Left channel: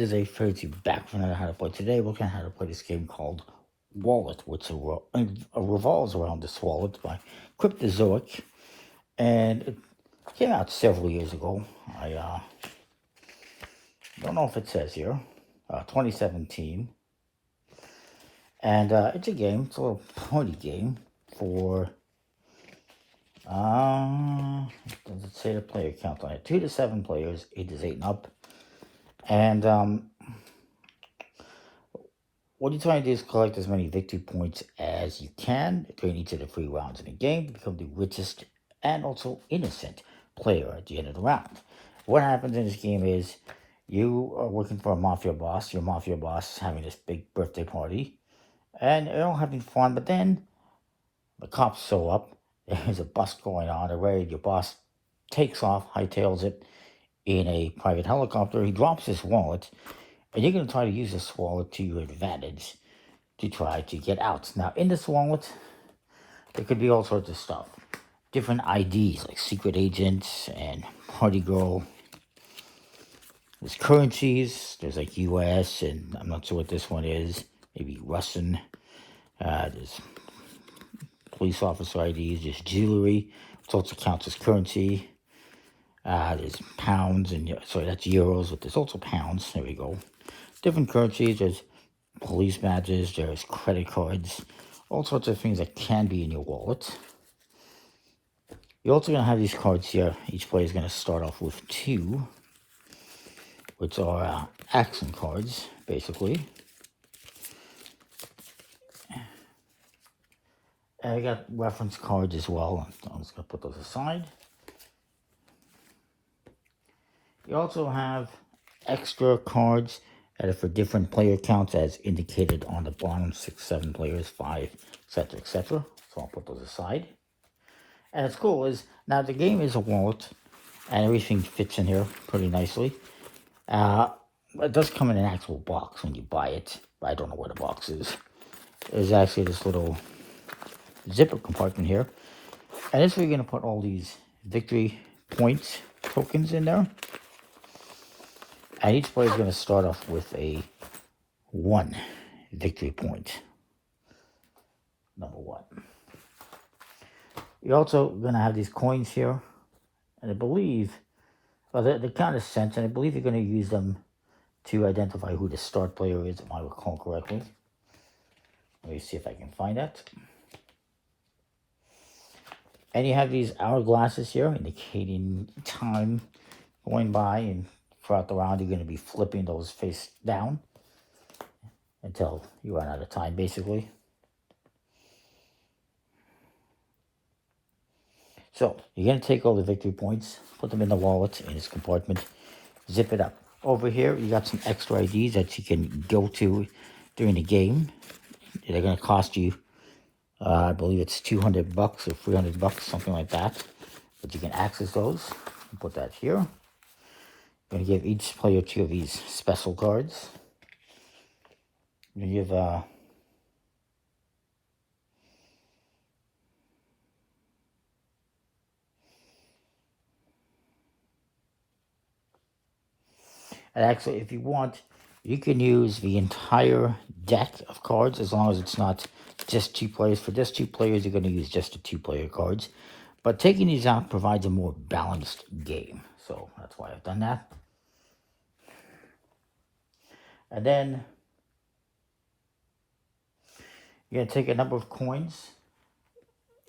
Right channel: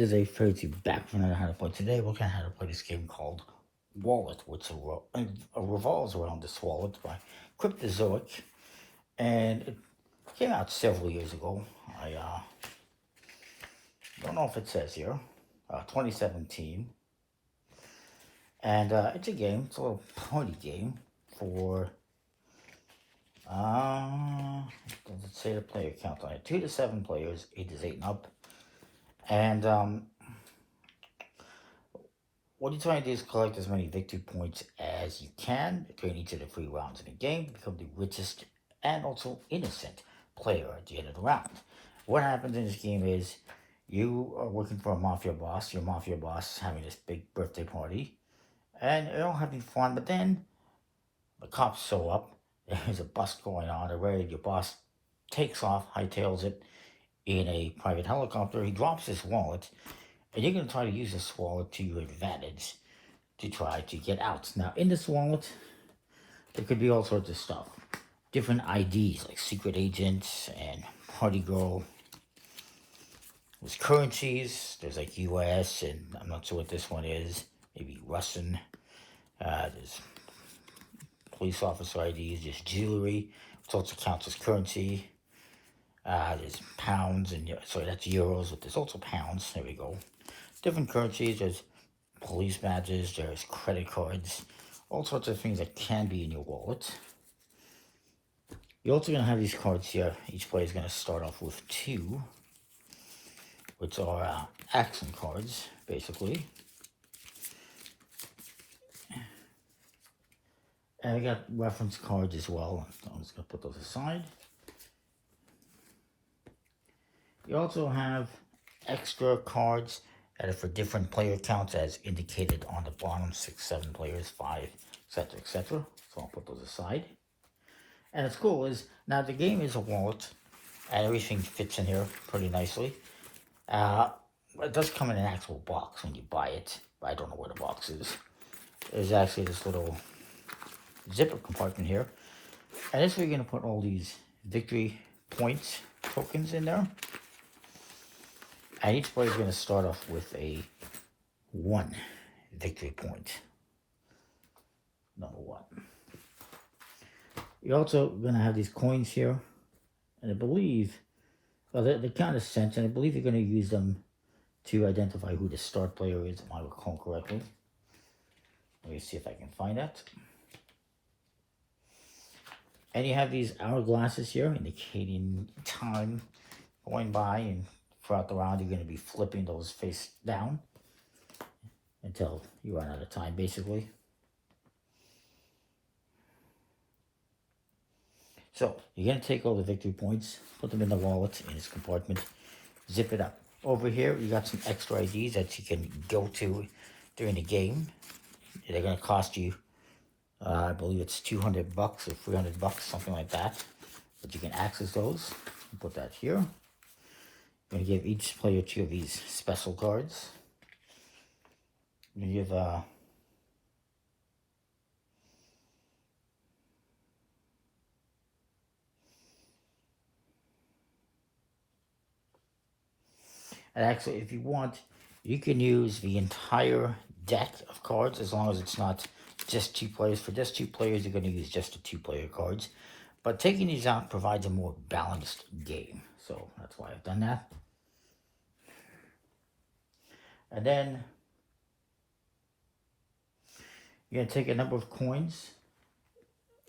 This is a fairly back from how to play. Today we're going to how to play this game called Wallet, which revolves around this wallet by Cryptozoic, and it came out several years ago. I don't know if it says here, 2017, and it's a game. It's a little party game for does it say the player count on it? 2 to 7 players, ages 8 and up, and what you're trying to do is collect as many victory points as you can during each of the 3 rounds in the game to become the richest and also innocent player at the end of the round. What happens in this game is you are working for a mafia boss. Your mafia boss is having this big birthday party, and they're all having fun, but then the cops show up. There's a bust going on. Your boss takes off, hightails it in a private helicopter. He drops his wallet, and you're going to try to use this wallet to your advantage to try to get out. Now, in this wallet, there could be all sorts of stuff. Different IDs, like secret agents and party girl. There's currencies. There's like US, and I'm not sure what this one is. Maybe Russian. There's police officer IDs. There's jewelry. It also counts as currency. There's pounds, and sorry, that's euros, but there's also pounds. There we go. Different currencies. There's police badges. There's credit cards. All sorts of things that can be in your wallet. You're also going to have these cards here. Each player is going to start off with 2, which are action cards, basically. And I got reference cards as well. I'm just going to put those aside. You also have extra cards that are for different player counts as indicated on the bottom. 6, 7 players, 5, etc., etc. So I'll put those aside. And what's cool is, now the game is a wallet, and everything fits in here pretty nicely. It does come in an actual box when you buy it, but I don't know where the box is. There's actually this little zipper compartment here. And this is where you're going to put all these victory points tokens in there. And each player is going to start off with a 1 victory point. Number 1. You're also going to have these coins here. And I believe, well, they're kind of cents, and I believe you're going to use them to identify who the start player is, if I recall correctly. Let me see if I can find that. And you have these hourglasses here indicating time going by, and throughout the round you're going to be flipping those face down until you run out of time, basically. So you're going to take all the victory points, put them in the wallet in this compartment, zip it up. Over here you got some extra IDs that you can go to during the game. They're going to cost you, I believe it's $200 or $300, something like that. But you can access those. Put that here. I'm going to give each player 2 of these special cards. I'm going to give and actually, if you want, you can use the entire deck of cards as long as it's not just 2 players. For just 2 players, you're going to use just the 2-player cards. But taking these out provides a more balanced game. So that's why I've done that. And then you're going to take a number of coins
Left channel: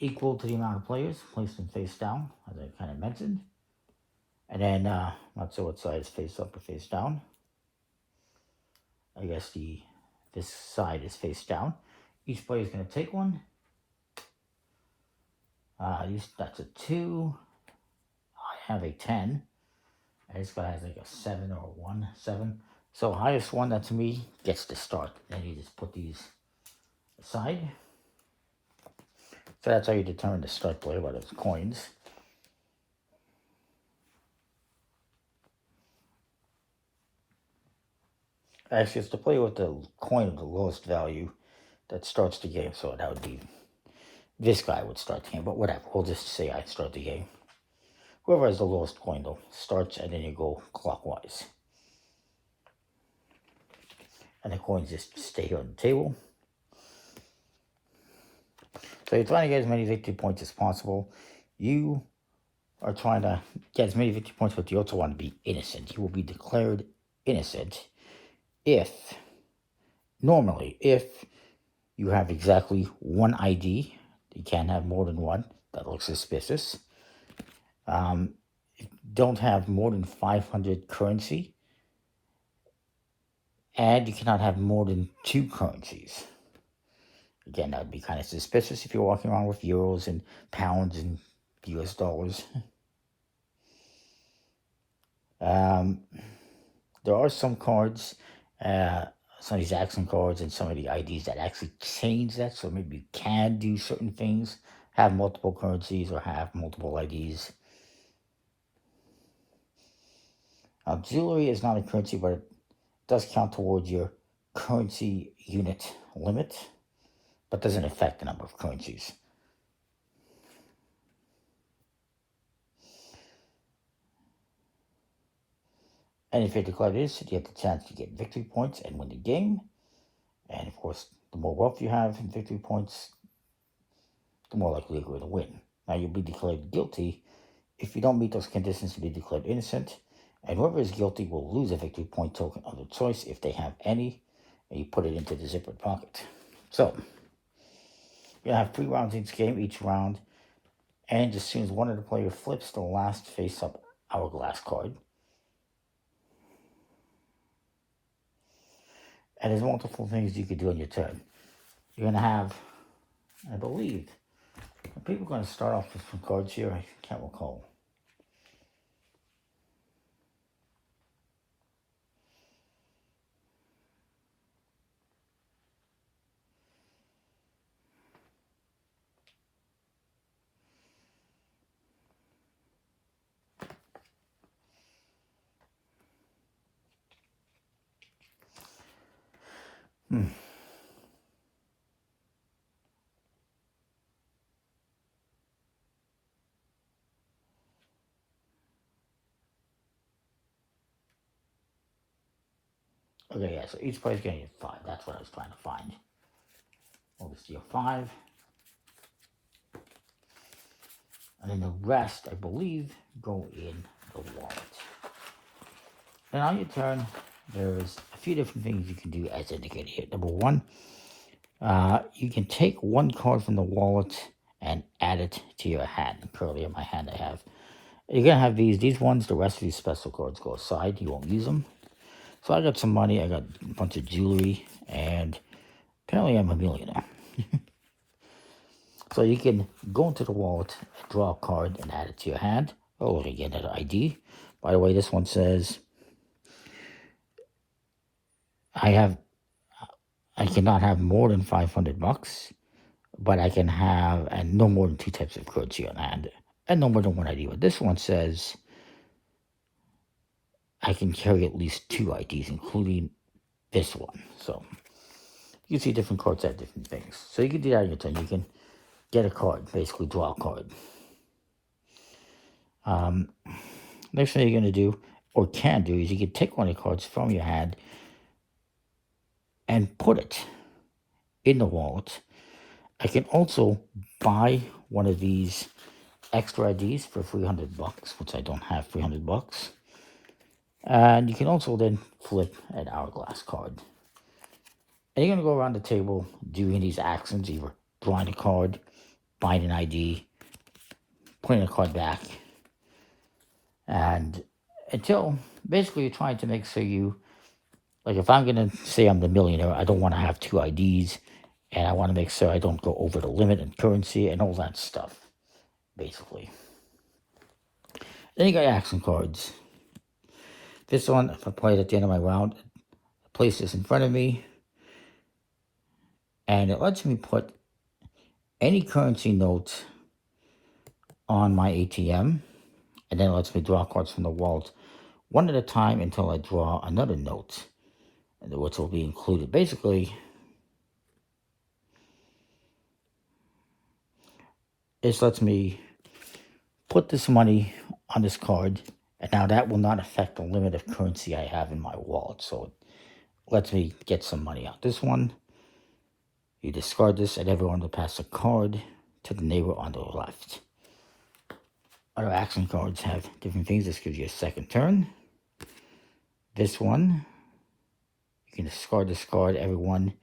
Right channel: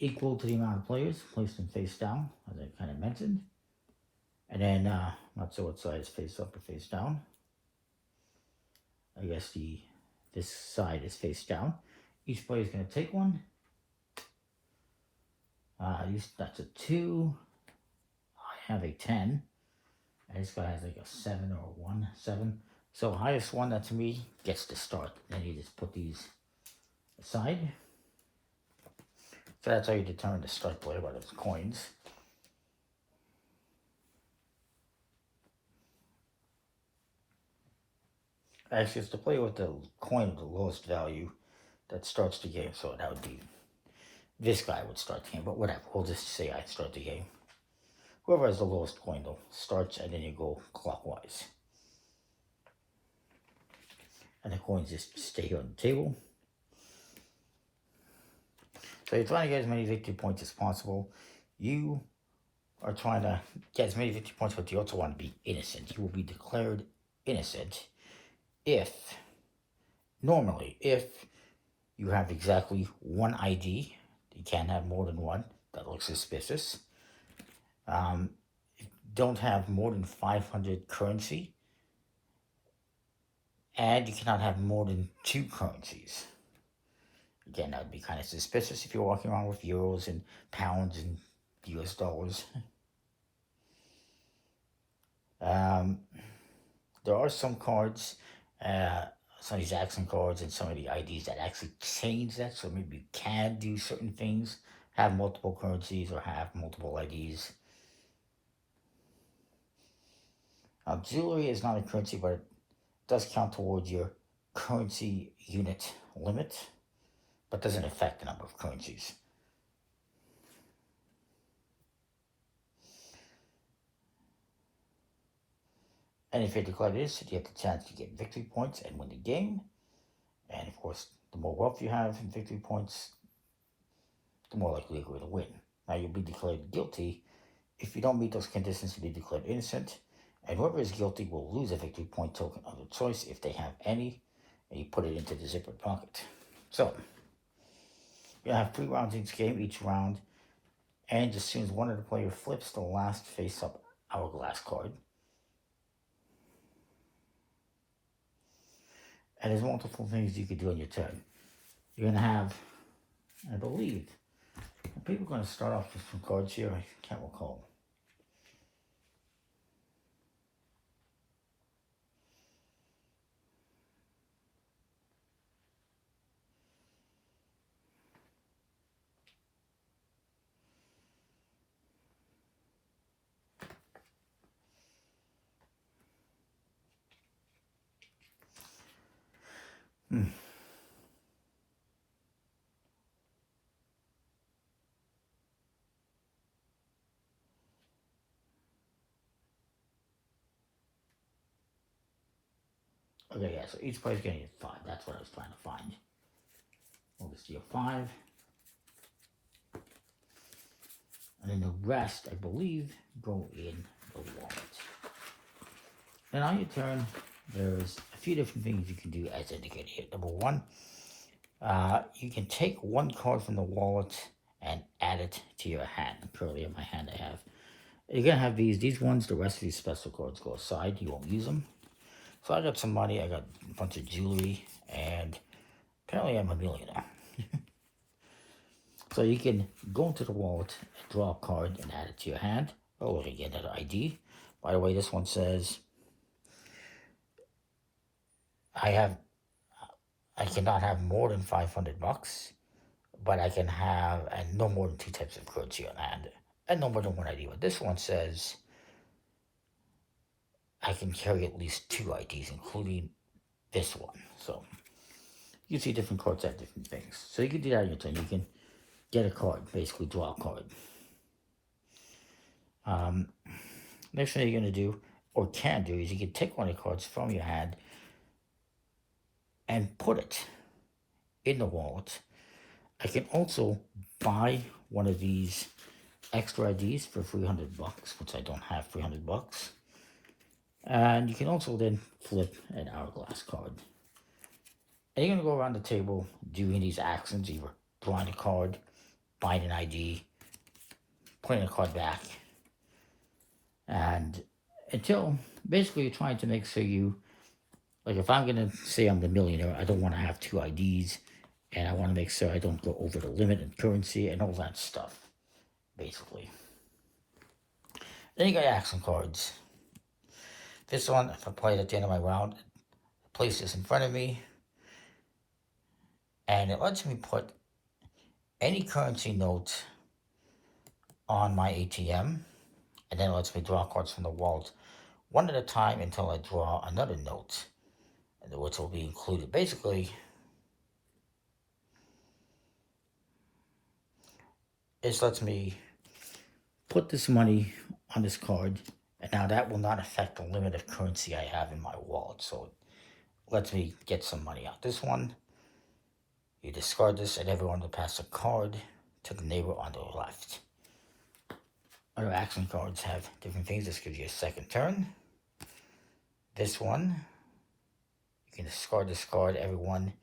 equal to the amount of players, place them face down, as I kind of mentioned. And then, not sure what side is face up or face down. I guess this side is face down. Each player is going to take one. That's a 2. I have a 10. And this guy has like a 7 or a 1, 7. So highest one, that's me, gets to start. Then you just put these aside. So that's how you determine the start player by those coins. Actually, it's the player with the coin of the lowest value that starts the game. So that would be, this guy would start the game, but whatever. We'll just say I start the game. Whoever has the lowest coin, though, starts, and then you go clockwise. and the coins just stay here on the table. So you're trying to get as many victory points as possible. You are trying to get as many victory points, but you also want to be innocent. You will be declared innocent if you have exactly one ID. You can't have more than one. That looks suspicious. Don't have more than 500 currency. And you cannot have more than 2 currencies. Again, that would be kind of suspicious if you're walking around with euros and pounds and US dollars. There are some cards, some of these accent cards and some of the IDs that actually change that. So maybe you can do certain things, have multiple currencies or have multiple IDs. Jewelry is not a currency, but it does count towards your currency unit limit, but doesn't affect the number of currencies. And if you're declared innocent, you have the chance to get victory points and win the game. And of course, the more wealth you have in victory points, the more likely you're going to win. Now, you'll be declared guilty. If you don't meet those conditions, you'll be declared innocent. And whoever is guilty will lose a victory point token of their choice if they have any. And you put it into the zipper pocket. So, you're going to have 3 rounds in each game. Each round ends as soon as one of the players flips the last face-up hourglass card. And there's multiple things you could do on your turn. You're going to have, I believe, people are going to start off with some cards here. I can't recall. Okay, yeah, so each player's getting a 5. That's what I was trying to find. I'll just do a 5. And then the rest, I believe, go in the wallet. And on your turn, there's a few different things you can do as indicated here. Number 1, you can take 1 card from the wallet and add it to your hand. Currently in my hand I have. You're going to have these ones, the rest of these special cards go aside. You won't use them. So I got some money, I got a bunch of jewelry, and apparently I'm a millionaire. So you can go into the wallet, draw a card, and add it to your hand. Oh, you get another ID. By the way, this one says, I cannot have more than 500 bucks, but I can have, and no more than 2 types of currency on hand, and no more than 1 ID. But this one says, I can carry at least 2 IDs, including this one. So you can see different cards have different things. So you can do that on your turn. You can get a card, basically draw a card. Next thing you're going to do, or can do, is you can take one of the cards from your hand and put it in the wallet. I can also buy one of these extra IDs for 300 bucks, which I don't have 300 bucks. And you can also then flip an hourglass card. And you're going to go around the table doing these actions, either drawing a card, buying an ID, putting a card back. And until, basically, you're trying to make sure you, like if I'm going to say I'm the millionaire, I don't want to have 2 IDs. And I want to make sure I don't go over the limit in currency and all that stuff, basically. Then you got action cards. This one, if I play it at the end of my round, I place this in front of me, and it lets me put any currency note on my ATM, and then it lets me draw cards from the wallet one at a time until I draw another note, which will be included. Basically, this lets me put this money on this card, and now that will not affect the limit of currency I have in my wallet. So lets me get some money out. This one, you discard this and everyone will pass a card to the neighbor on the left. Other action cards have different things. This gives you a second turn. This one, you can discard this card. Everyone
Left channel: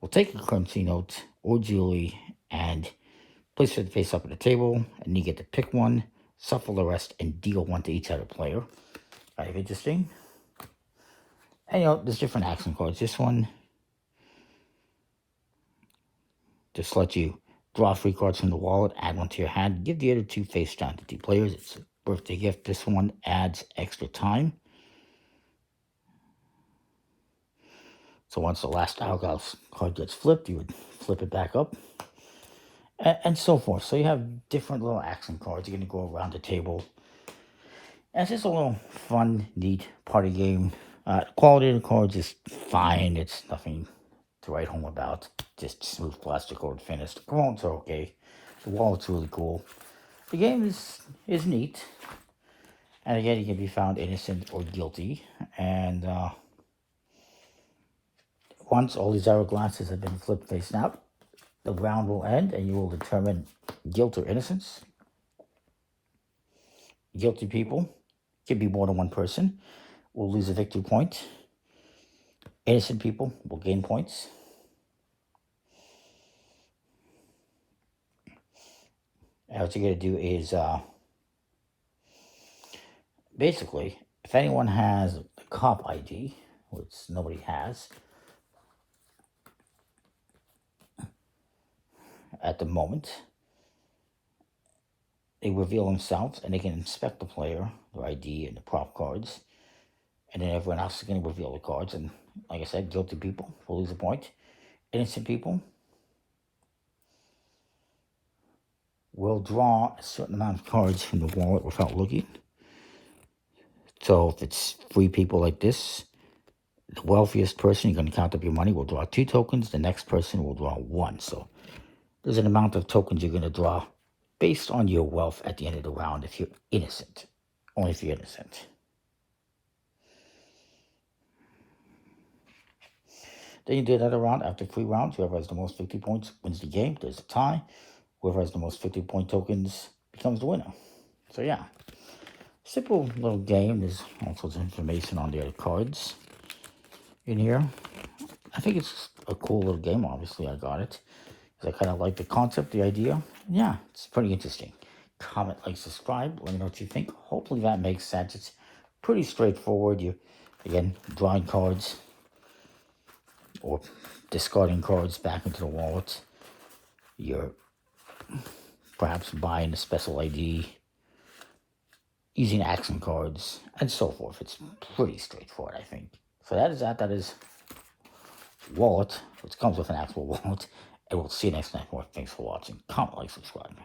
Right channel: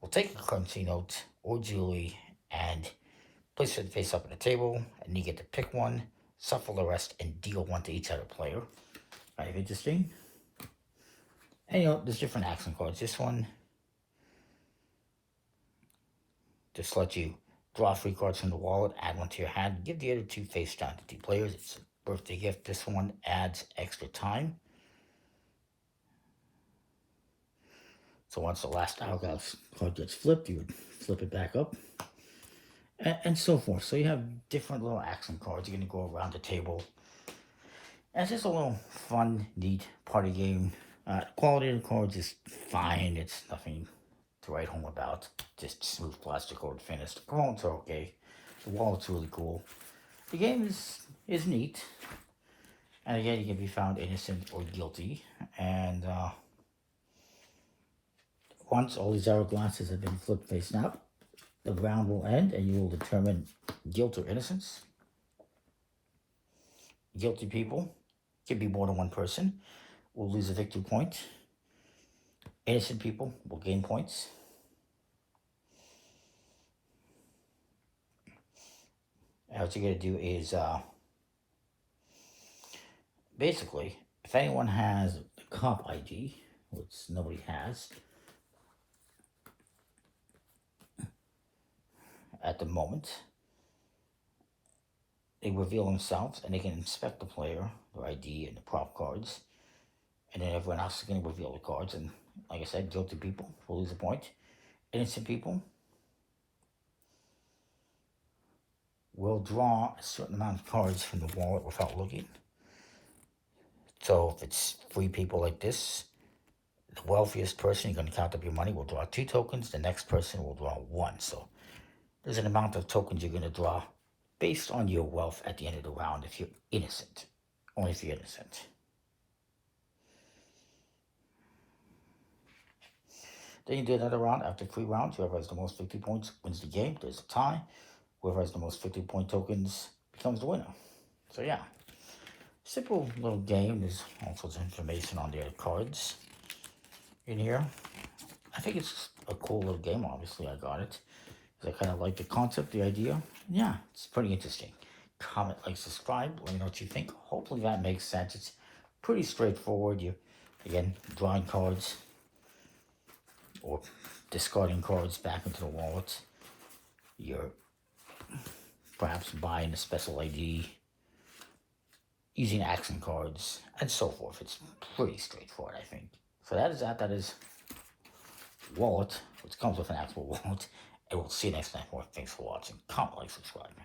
will take a currency note or jewelry and place it face up at the table, and you get to pick one, shuffle the rest, and deal one to each other player. Kind of interesting. And there's different action cards. This one just lets you draw 3 cards from the wallet, add one to your hand, give the other 2 face down to 2 players. It's a birthday gift. This one adds extra time. So once the last hourglass card gets flipped, you would flip it back up, and so forth. So you have different little action cards. You're going to go around the table. And it's just a little fun, neat party game. Quality of the cards is fine. It's nothing to write home about. Just smooth plastic or finished. The components are okay. The wallet's really cool. The game is neat. And again, you can be found innocent or guilty. And once all these hourglasses have been flipped face out, the round will end and you will determine guilt or innocence. Guilty people, can be more than one person, will lose a victory point. Innocent people will gain points. And what you're going to do is, basically, if anyone has a cop ID, which nobody has at the moment, they reveal themselves and they can inspect the player, their ID, and the prop cards. And then everyone else is going to reveal the cards. And like I said, guilty people will lose a point. Innocent people will draw a certain amount of cards from the wallet without looking. So if it's 3 people like this, the wealthiest person, you're going to count up your money, will draw 2 tokens. The next person will draw 1. So there's an amount of tokens you're going to draw based on your wealth at the end of the round if you're innocent. Only if you're innocent. Then you do another round. After 3 rounds, whoever has the most victory points wins the game. There's a tie. Whoever has the most victory point tokens becomes the winner. So yeah, simple little game. There's all sorts of information on the other cards in here. I think it's a cool little game. Obviously, I got it. I kind of like the concept, the idea. Yeah, it's pretty interesting. Comment, like, subscribe. Let me know what you think. Hopefully that makes sense. It's pretty straightforward. You, again, drawing cards or discarding cards back into the wallet. You're perhaps buying a special ID, using action cards, and so forth. It's pretty straightforward, I think. So that is that. That is wallet. It comes with an actual wallet. And we'll see you next time. Thanks for watching. Comment, like, subscribe.